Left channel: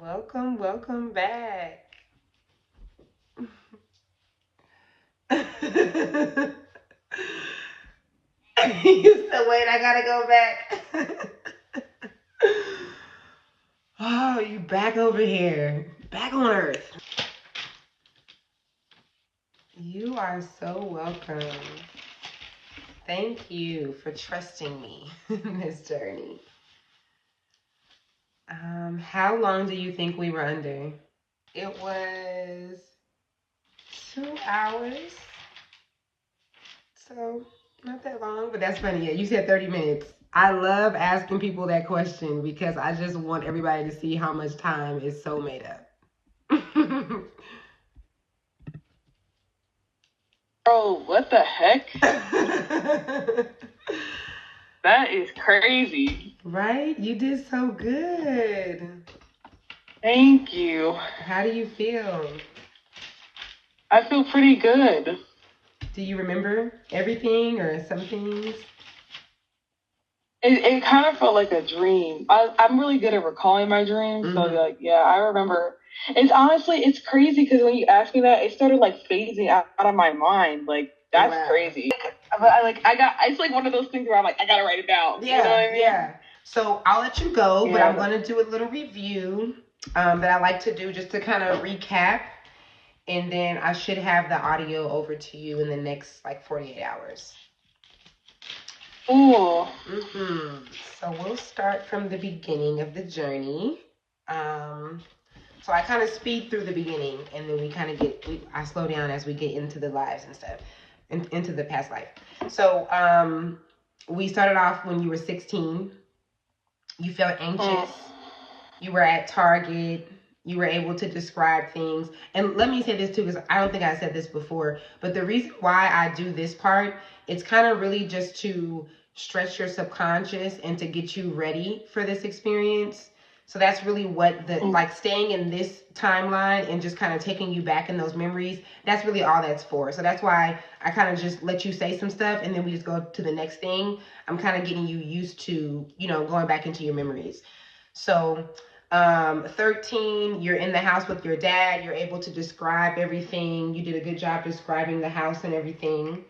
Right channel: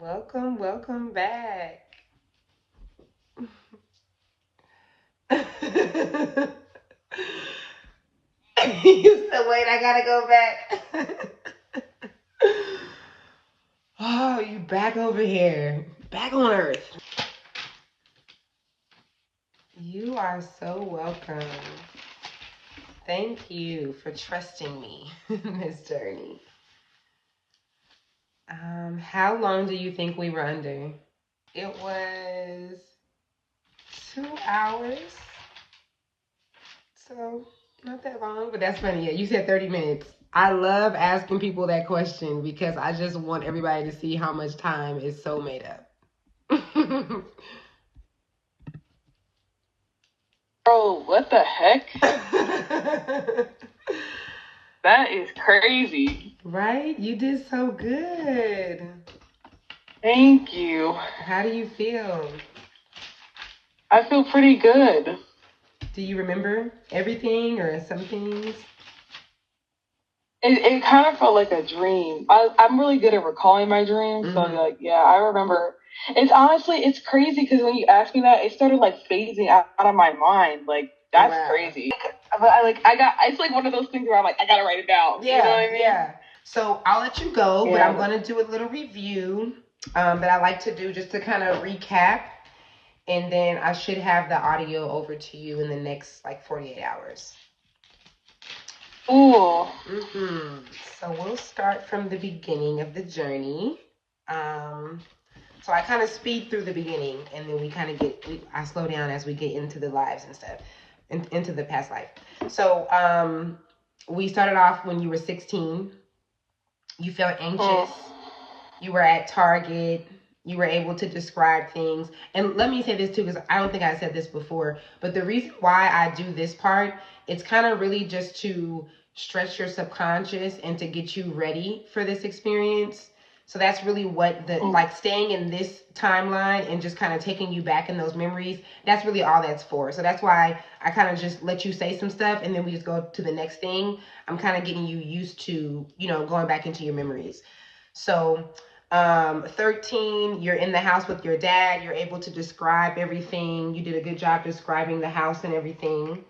Welcome back. You said, wait, I gotta go back. Oh, you back over here. Back on Earth. You are so welcome. Thank you for trusting me in this journey. How long do you think we were under? It was 2 hours. So not that long, but that's funny. Yeah, you said 30 minutes. I love asking people that question because I just want everybody to see how much time is so made up. Oh, what the heck? That is crazy. Right? You did so good. Thank you. How do you feel? I feel pretty good. Do you remember everything or some things? It kind of felt like a dream. I'm really good at recalling my dreams, so yeah, I remember. It's crazy because when you asked me that, it started like phasing out of my mind. Like that's crazy. It's like one of those things where I'm like, I gotta write it down. Yeah, you know what I mean? yeah. So I'll let you go, but I'm going to do a little review that I like to do just to kind of recap. And then I should have the audio over to you in the next like 48 hours. Ooh. So we'll start from the beginning of the journey. So I kind of speed through the beginning, and then I slow down as we get into the lives and stuff, into the past life. So we started off when you were 16. You felt anxious. You were at Target. You were able to describe things. And let me say this too, because I don't think I said this before, but the reason why I do this part, it's kind of really just to stretch your subconscious and to get you ready for this experience. So that's really what like staying in this timeline and just kind of taking you back in those memories, that's really all that's for. So that's why I kind of just let you say some stuff and then we just go to the next thing. I'm kind of getting you used to, going back into your memories. So 13, you're in the house with your dad. You're able to describe everything. You did a good job describing the house and everything.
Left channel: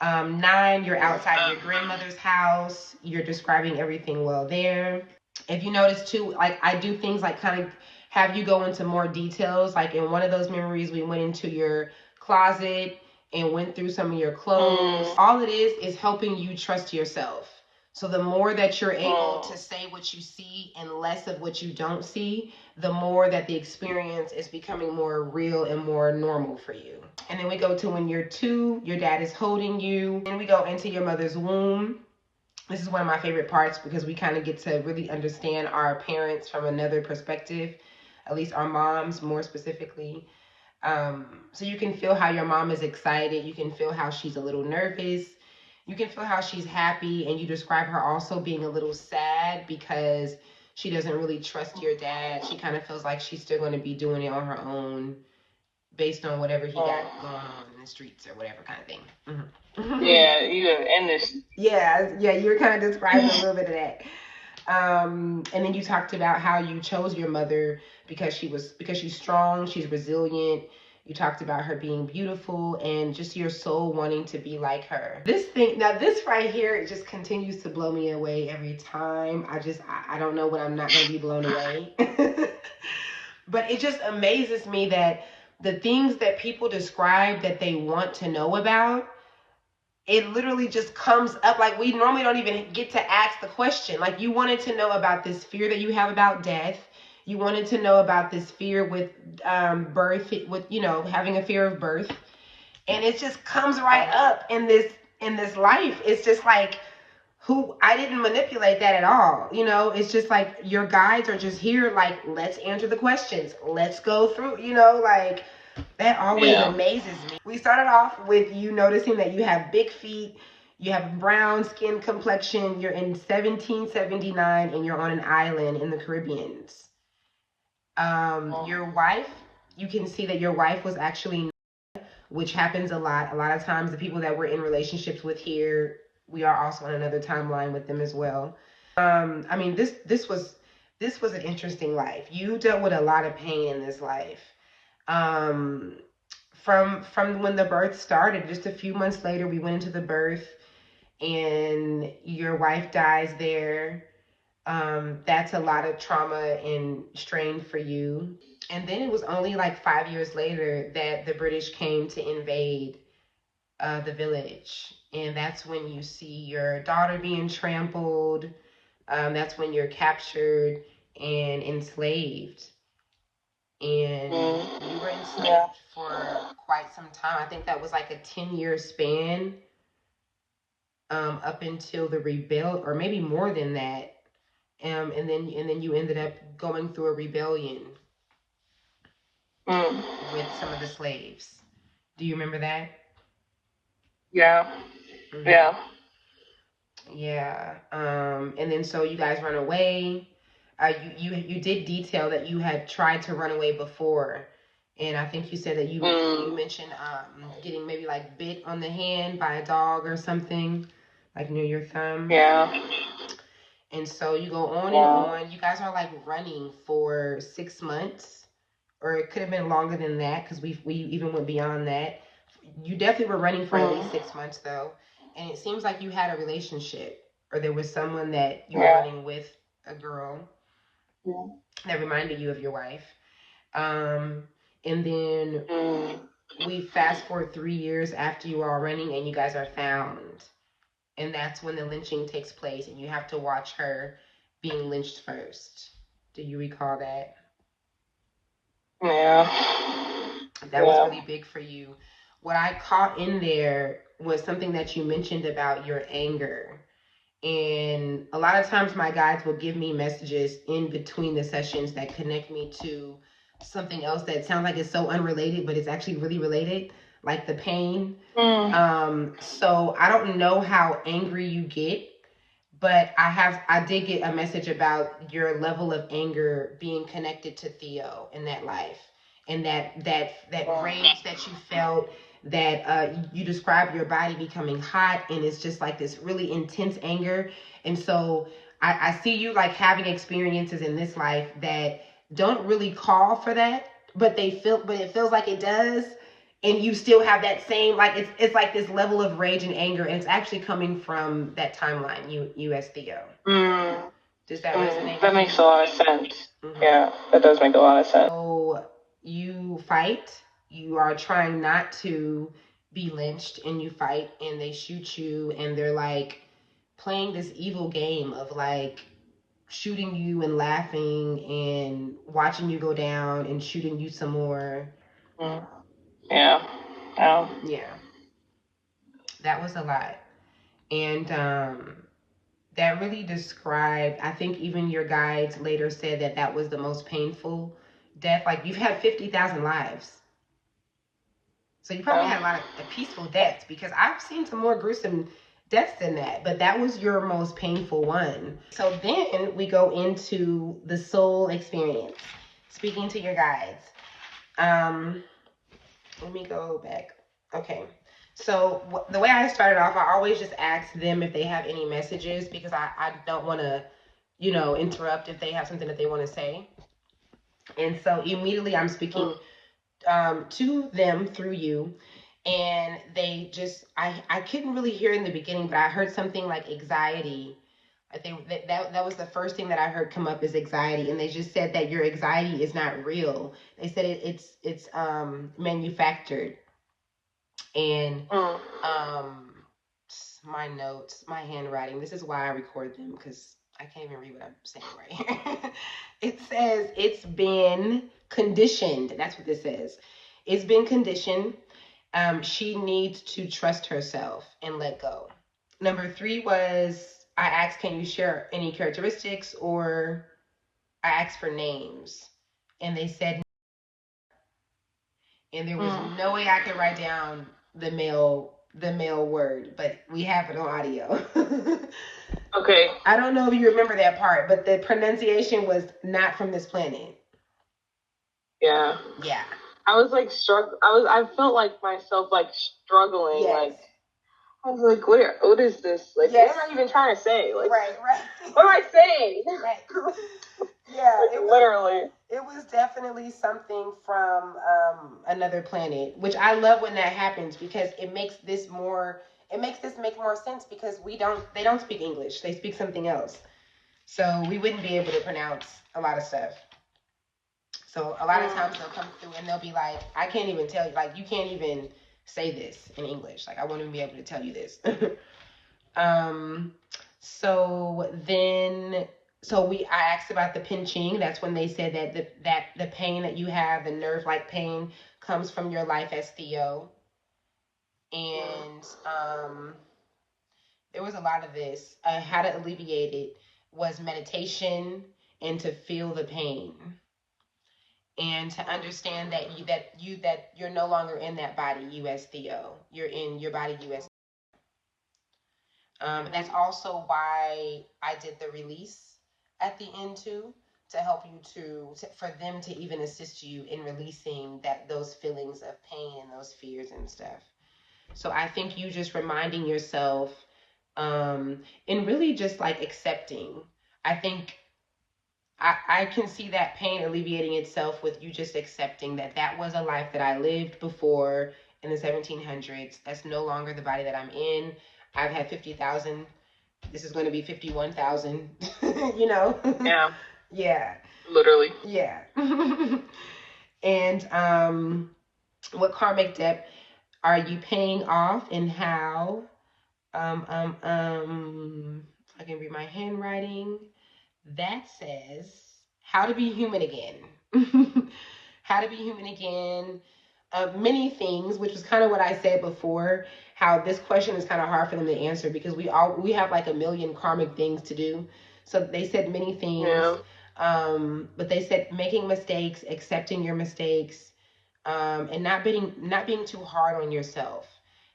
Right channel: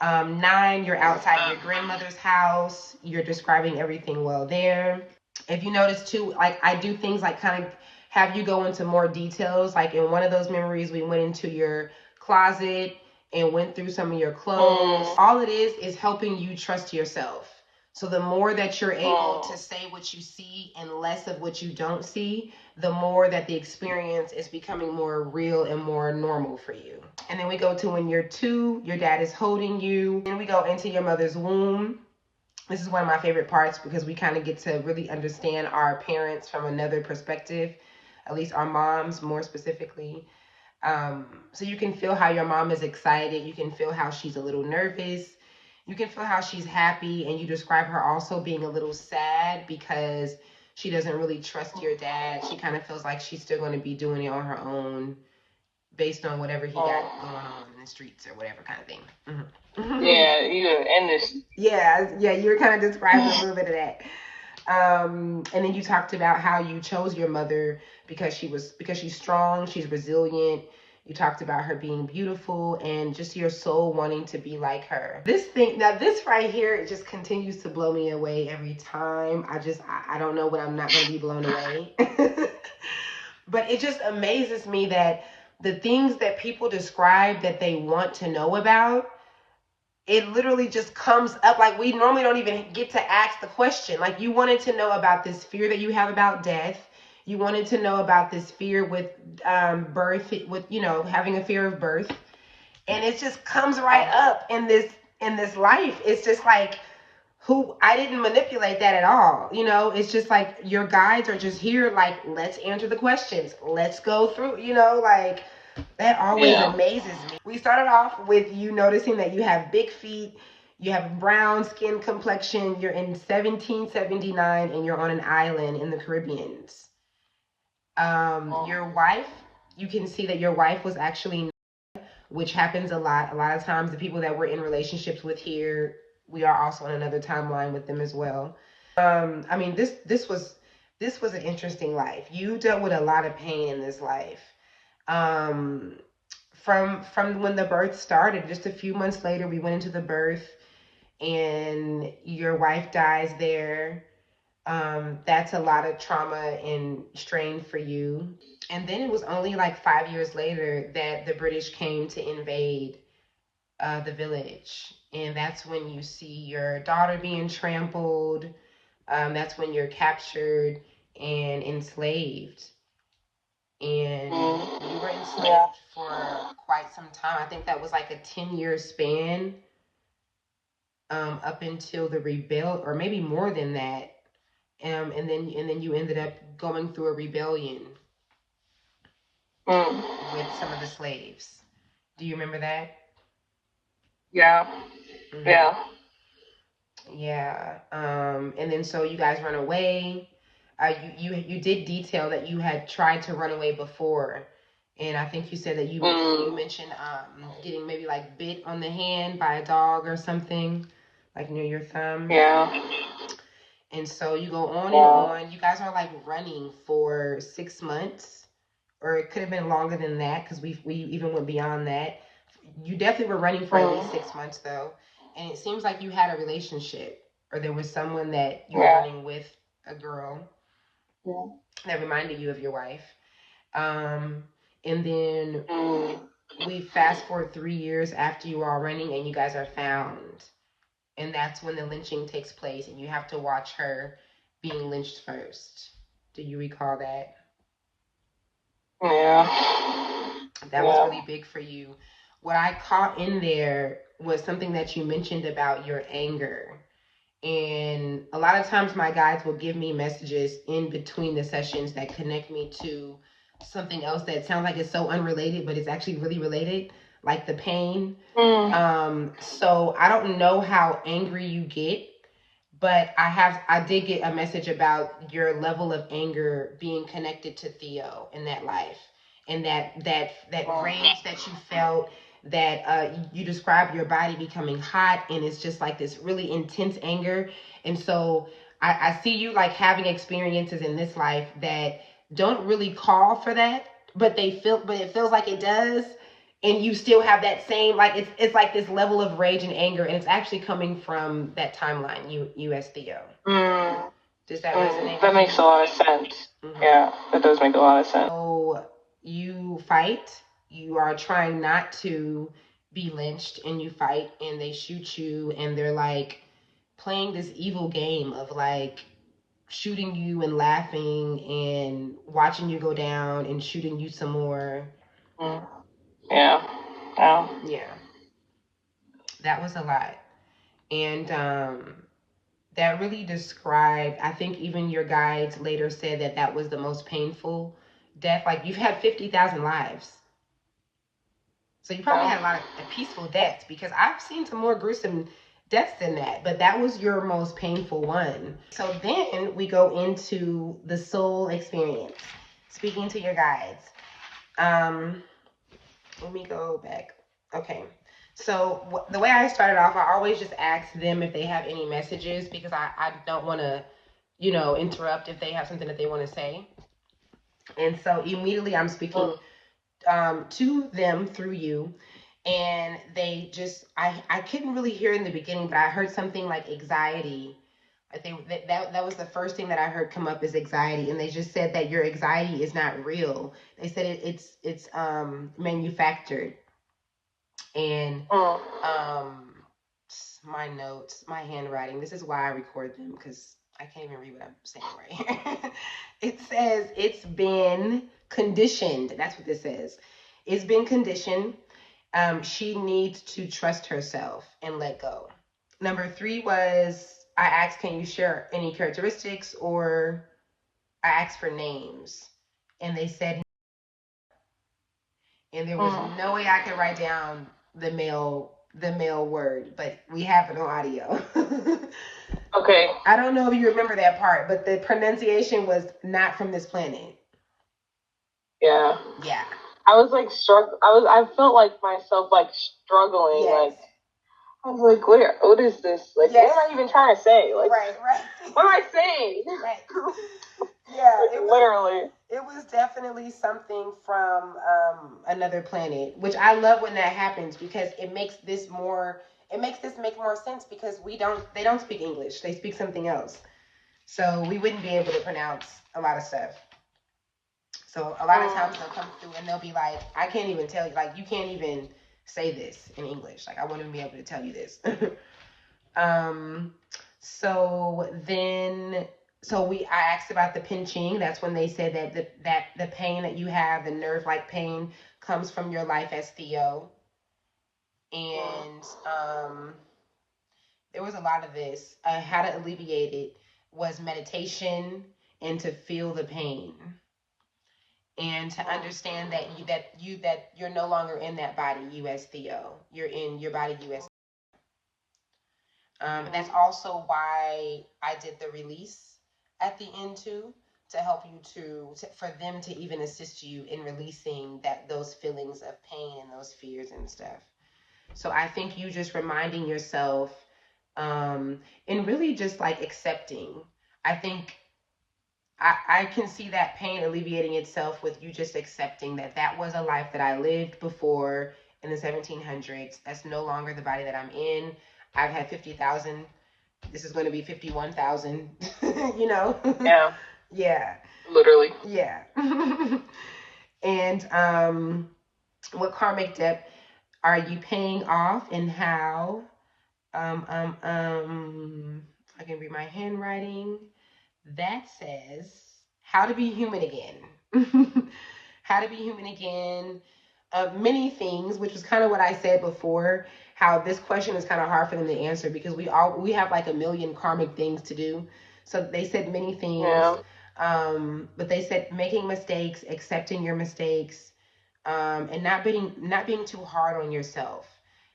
9, you're outside your grandmother's house. You're describing everything well there. If you notice too, like I do things like kind of have you go into more details. Like in one of those memories, we went into your closet and went through some of your clothes. All it is helping you trust yourself. So the more that you're able to say what you see and less of what you don't see, the more that the experience is becoming more real and more normal for you. And then we go to when you're 2, your dad is holding you. Then we go into your mother's womb. This is one of my favorite parts because we kind of get to really understand our parents from another perspective, at least our moms more specifically. So you can feel how your mom is excited. You can feel how she's a little nervous. You can feel how she's happy, and you describe her also being a little sad because she doesn't really trust your dad. She kind of feels like she's still going to be doing it on her own based on whatever he got going on in the streets or whatever kind of thing. Yeah, you were kind of describing a little bit of that. And then you talked about how you chose your mother because she's strong, she's resilient. You talked about her being beautiful and just your soul wanting to be like her. This right here, it just continues to blow me away every time. I don't know when I'm not going to be blown away. But it just amazes me that the things that people describe that they want to know about, it literally just comes up. Like we normally don't even get to ask the question. Like you wanted to know about this fear that you have about death. You wanted to know about this fear with birth, with having a fear of birth, and it just comes right up in this life. It's just like I didn't manipulate that at all. It's just like your guides are just here. Like let's answer the questions. Let's go through. Like that always amazes me. We started off with you noticing that you have big feet, you have brown skin complexion, you're in 1779, and you're on an island in the Caribbean. Your wife, you can see that your wife was actually, which happens a lot. A lot of times the people that we're in relationships with here, we are also on another timeline with them as well. I mean, this was this was an interesting life. You dealt with a lot of pain in this life. Um, from when the birth started, just a few months later, we went into the birth, and your wife dies there. That's a lot of trauma and strain for you. And then it was only like 5 years later that the British came to invade the village. And that's when you see your daughter being trampled. That's when you're captured and enslaved. And you were enslaved for quite some time. I think that was like a 10-year span, up until the rebel, or maybe more than that. And then you ended up going through a rebellion with some of the slaves. Do you remember that? Yeah. Mm-hmm. Yeah. Yeah. And then so you guys run away. You did detail that you had tried to run away before, and I think you said that you mentioned getting maybe like bit on the hand by a dog or something, like near your thumb. Yeah. And so you go on and on. You guys are like running for 6 months, or it could have been longer than that because we even went beyond that. You definitely were running for at least 6 months though, and it seems like you had a relationship, or there was someone that you were running with, a girl that reminded you of your wife. And then we fast forward 3 years after you are all running, and you guys are found, and that's when the lynching takes place, and you have to watch her being lynched first. Do you recall that? Yeah. That was really big for you. What I caught in there was something that you mentioned about your anger. And a lot of times my guides will give me messages in between the sessions that connect me to something else that sounds like it's so unrelated, but it's actually really related, like the pain. So I don't know how angry you get, but I did get a message about your level of anger being connected to Theo in that life, and that rage that you felt, that you described your body becoming hot, and it's just like this really intense anger. And so I see you like having experiences in this life that don't really call for that, but it feels like it does, and you still have that same, like it's like this level of rage and anger, and it's actually coming from that timeline, US Theo. Does that resonate? That makes a lot of sense. Yeah, that does make a lot of sense. So you fight, you are trying not to be lynched, and you fight, and they shoot you, and they're like playing this evil game of like shooting you and laughing and watching you go down and shooting you some more. Yeah. Yeah. That was a lot. And that really described, I think even your guides later said that that was the most painful death. Like, you've had 50,000 lives. So you probably had a lot of peaceful deaths, because I've seen some more gruesome deaths than that, but that was your most painful one. So then we go into the soul experience, speaking to your guides. Let me go back. Okay. So the way I started off, I always just ask them if they have any messages, because I don't want to, interrupt if they have something that they want to say. And so immediately I'm speaking to them through you, and they just, I couldn't really hear in the beginning, but I heard something like anxiety. I think that was the first thing that I heard come up, is anxiety, and they just said that your anxiety is not real. They said it's manufactured. And my notes, my handwriting, this is why I record them, because I can't even read what I'm saying right here. It says it's been conditioned. That's what this says. It's been conditioned. She needs to trust herself and let go. Number 3 was, I asked, can you share any characteristics, or I asked for names, and they said, and there was no way I could write down the male word, but we have it on audio. Okay. I don't know if you remember that part, but the pronunciation was not from this planet. Yeah. Yeah. I was like I felt like myself like struggling. Yes. Like, I was like, what is this? Like, yes. What am I even trying to say? Like, right. What am I saying? Right. Yeah, like, literally. It was definitely something from another planet, which I love when that happens because it makes this make more sense because they don't speak English. They speak something else. So we wouldn't be able to pronounce a lot of stuff. So a lot of times they'll come through and they'll be like, I can't even tell you, like, you can't even say this in English. Like, I wouldn't be able to tell you this. um, so then, I asked about the pinching. That's when they said that the pain that you have, the nerve-like pain, comes from your life as Theo. And there was a lot of this. How to alleviate it was meditation and to feel the pain and to understand that you're no longer in that body, you as Theo. You're in your body, you as. That's also why I did the release at the end too, to help you for them to even assist you in releasing those feelings of pain and those fears and stuff. So I think you just reminding yourself, and really just like accepting. I think I can see that pain alleviating itself with you just accepting that was a life that I lived before in the 1700s. That's no longer the body that I'm in. I've had 50,000. This is going to be 51,000. You know? Yeah. Yeah. Literally. Yeah. And what karmic debt are you paying off and how? I can read my handwriting. That says how to be human again. How to be human again. Many things, which was kind of what I said before. How this question is kind of hard for them to answer because we have like a million karmic things to do. So they said many things, yeah. But they said making mistakes, accepting your mistakes, and not being too hard on yourself.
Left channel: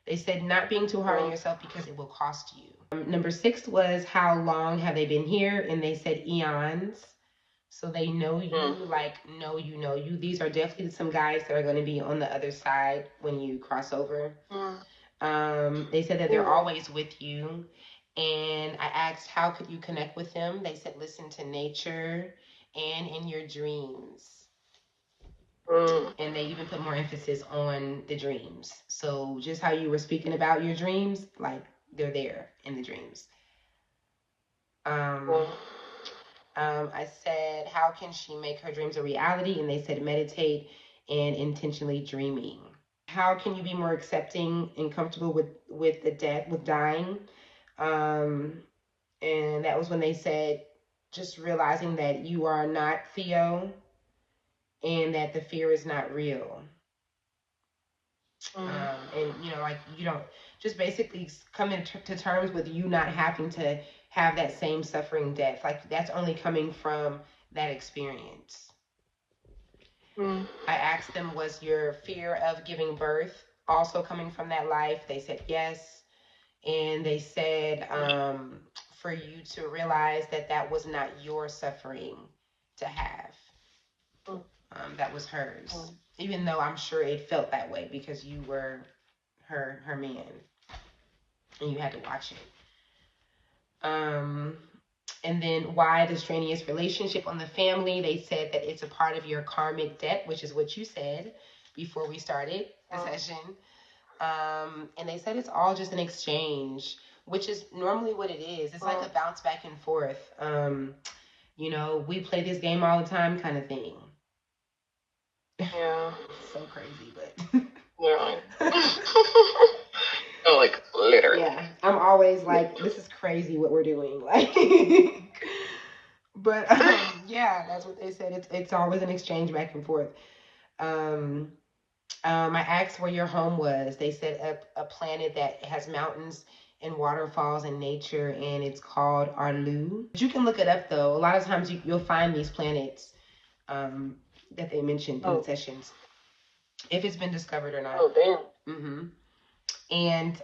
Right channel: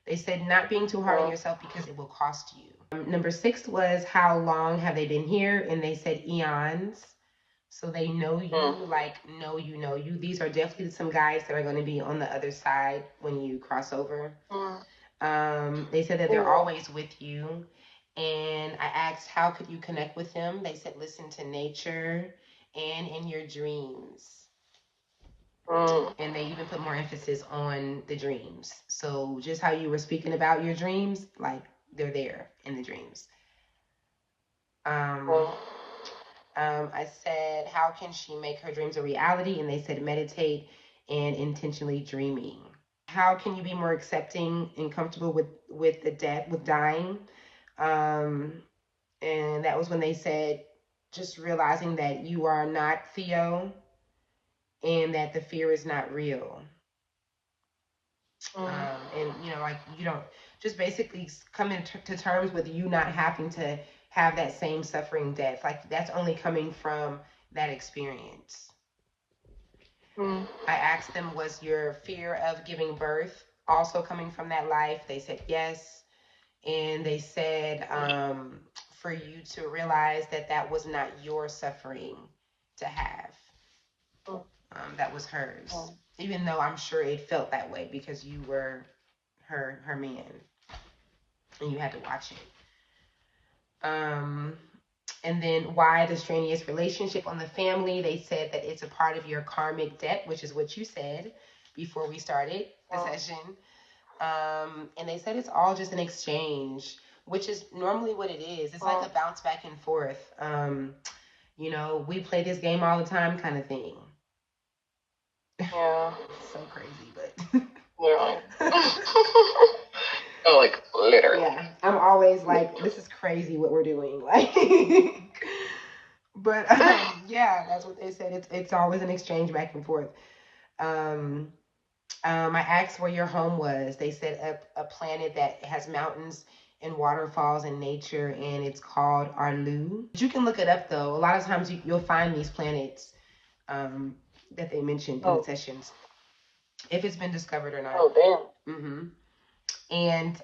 They said not being too hard on yourself because it will cost you. Number 6 was how long have they been here? And they said eons. So they know you, like know you. These are definitely some guys that are going to be on the other side when you cross over. They said that they're always with you. And I asked, how could you connect with them? They said, listen to nature and in your dreams. And they even put more emphasis on the dreams. So just how you were speaking about your dreams, like they're there in the dreams. I said, how can she make her dreams a reality? And they said, meditate and intentionally dreaming. How can you be more accepting and comfortable with the death, with dying? And that was when they said, just realizing that you are not Theo and that the fear is not real. And you know, like you don't just basically come to terms with you not having to have that same suffering death. Like that's only coming from that experience. I asked them, was your fear of giving birth also coming from that life? They said yes. And they said for you to realize that was not your suffering to have. That was hers. Even though I'm sure it felt that way because you were her man and you had to watch it. And then why the strenuous relationship on the family? They said that it's a part of your karmic debt, which is what you said before we started the session. And they said it's all just an exchange, which is normally what it is. It's like a bounce back and forth. You know, we play this game all the time kind of thing. Yeah. So crazy, but yeah. Oh, like literally. Yeah, I'm always like, this is crazy what we're doing. Like, but yeah, that's what they said. It's always an exchange back and forth. I asked where your home was. They said a planet that has mountains and waterfalls and nature, and it's called Arlu. You can look it up though. A lot of times you'll find these planets that they mentioned in the sessions, if it's been discovered or not. Oh, damn. And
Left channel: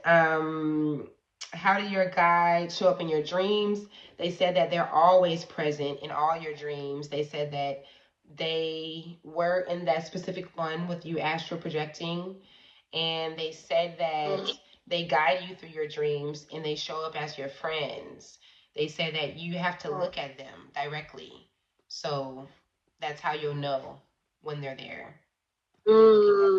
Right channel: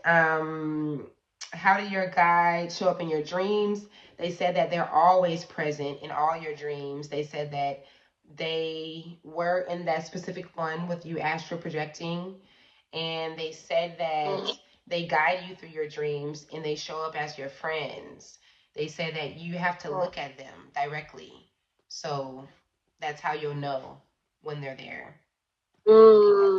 how do your guides show up in your dreams? They said that they're always present in all your dreams. They said that they were in that specific one with you astral projecting. And they said that they guide you through your dreams and they show up as your friends. They said that you have to look at them directly So that's how you'll know when they're there.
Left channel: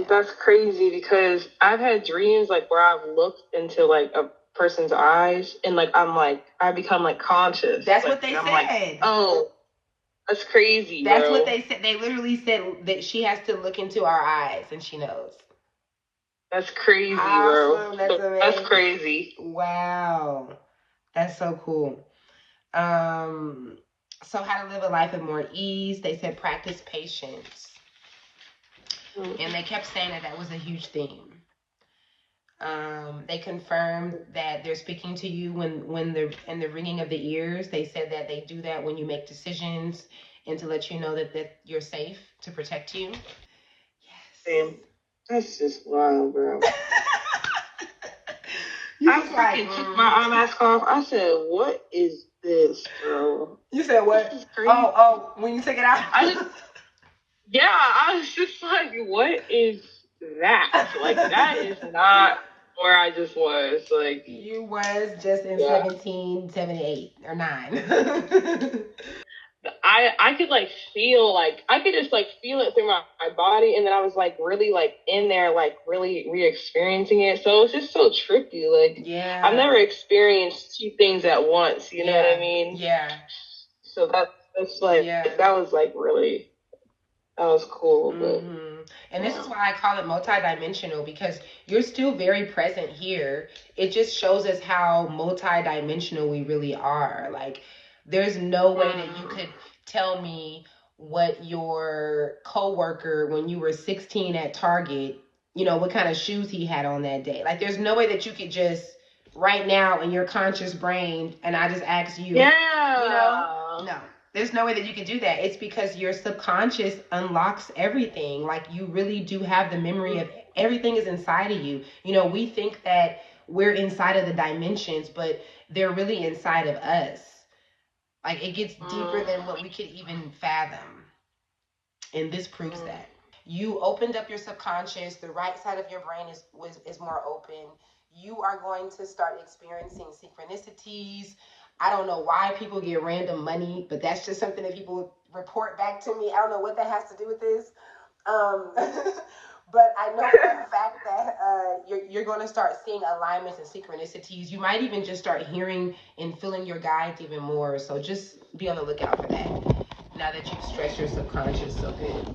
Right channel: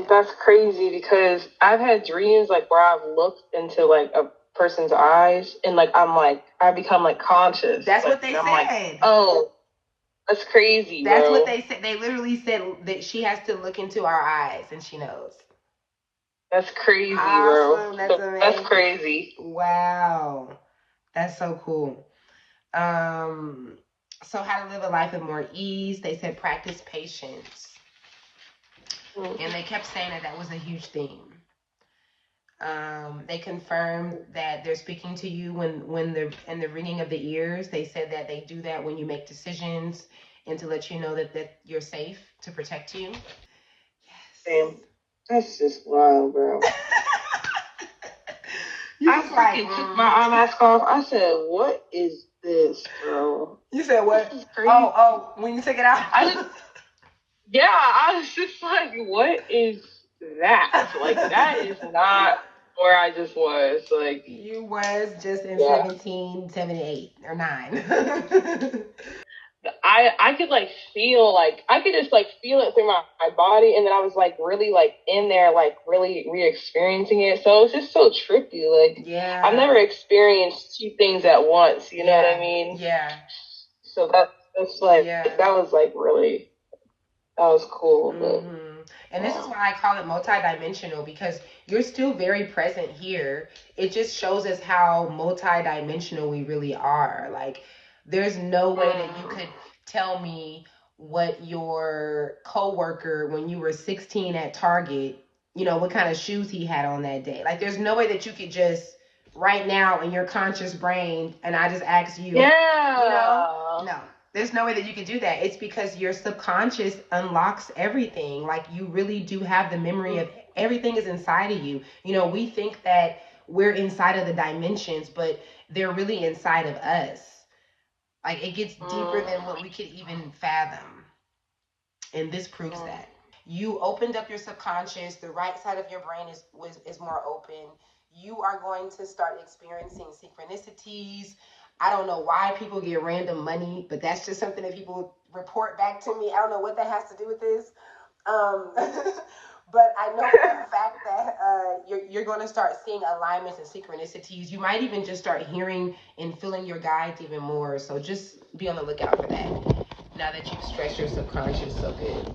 That's crazy because I've had dreams like where I've looked into like a person's eyes and like I become like conscious. That's like, what they said. Like, oh, that's crazy. That's bro. what they said. They literally said that she has to look into our eyes and she knows. That's crazy, awesome. bro. That's amazing. That's crazy. Wow. That's so cool. So how to live a life of more ease. They said practice patience. And they kept saying that was a huge theme. They confirmed that they're speaking to you when they're in the ringing of the ears. They said that they do that when you make decisions and to let you know that you're safe to protect you. Yes. Damn. That's just wild, bro. I freaking took my eye mask off. I said, "What is this, bro?" You said what? Oh, when you took it out? Yeah, I was just like, "What is that?" Like, that is not where I just was. Like, you was just in 17, 78, or 9. I could like feel I could just like feel it through my body, and then I was like really like in there, like really re-experiencing it. So it was just so trippy. Like, yeah, I've never experienced two things at once. You know what I mean? Yeah. So that's like that was like really, that was cool. Mm-hmm. And this is why I call it multidimensional, because you're still very present here. It just shows us how multidimensional we really are. Like, there's no way that you could tell me what your coworker, when you were 16 at Target, you know, what kind of shoes he had on that day. Like, there's no way that you could just right now in your conscious brain, and I just ask you, yeah, you know, no. There's no way that you can do that. It's because your subconscious unlocks everything. Like, you really do have the memory of everything is inside of you. You know, we think that we're inside of the dimensions, but they're really inside of us. Like, it gets deeper than what we could even fathom. And this proves that. You opened up your subconscious. The right side of your brain is more open. You are going to start experiencing synchronicities. I don't know why people get random money, but that's just something that people report back to me. I don't know what that has to do with this. But I know for a fact that you're going to start seeing alignments and synchronicities. You might even just start hearing and feeling your guides even more. So just be on the lookout for that now that you've stretched your subconscious so good.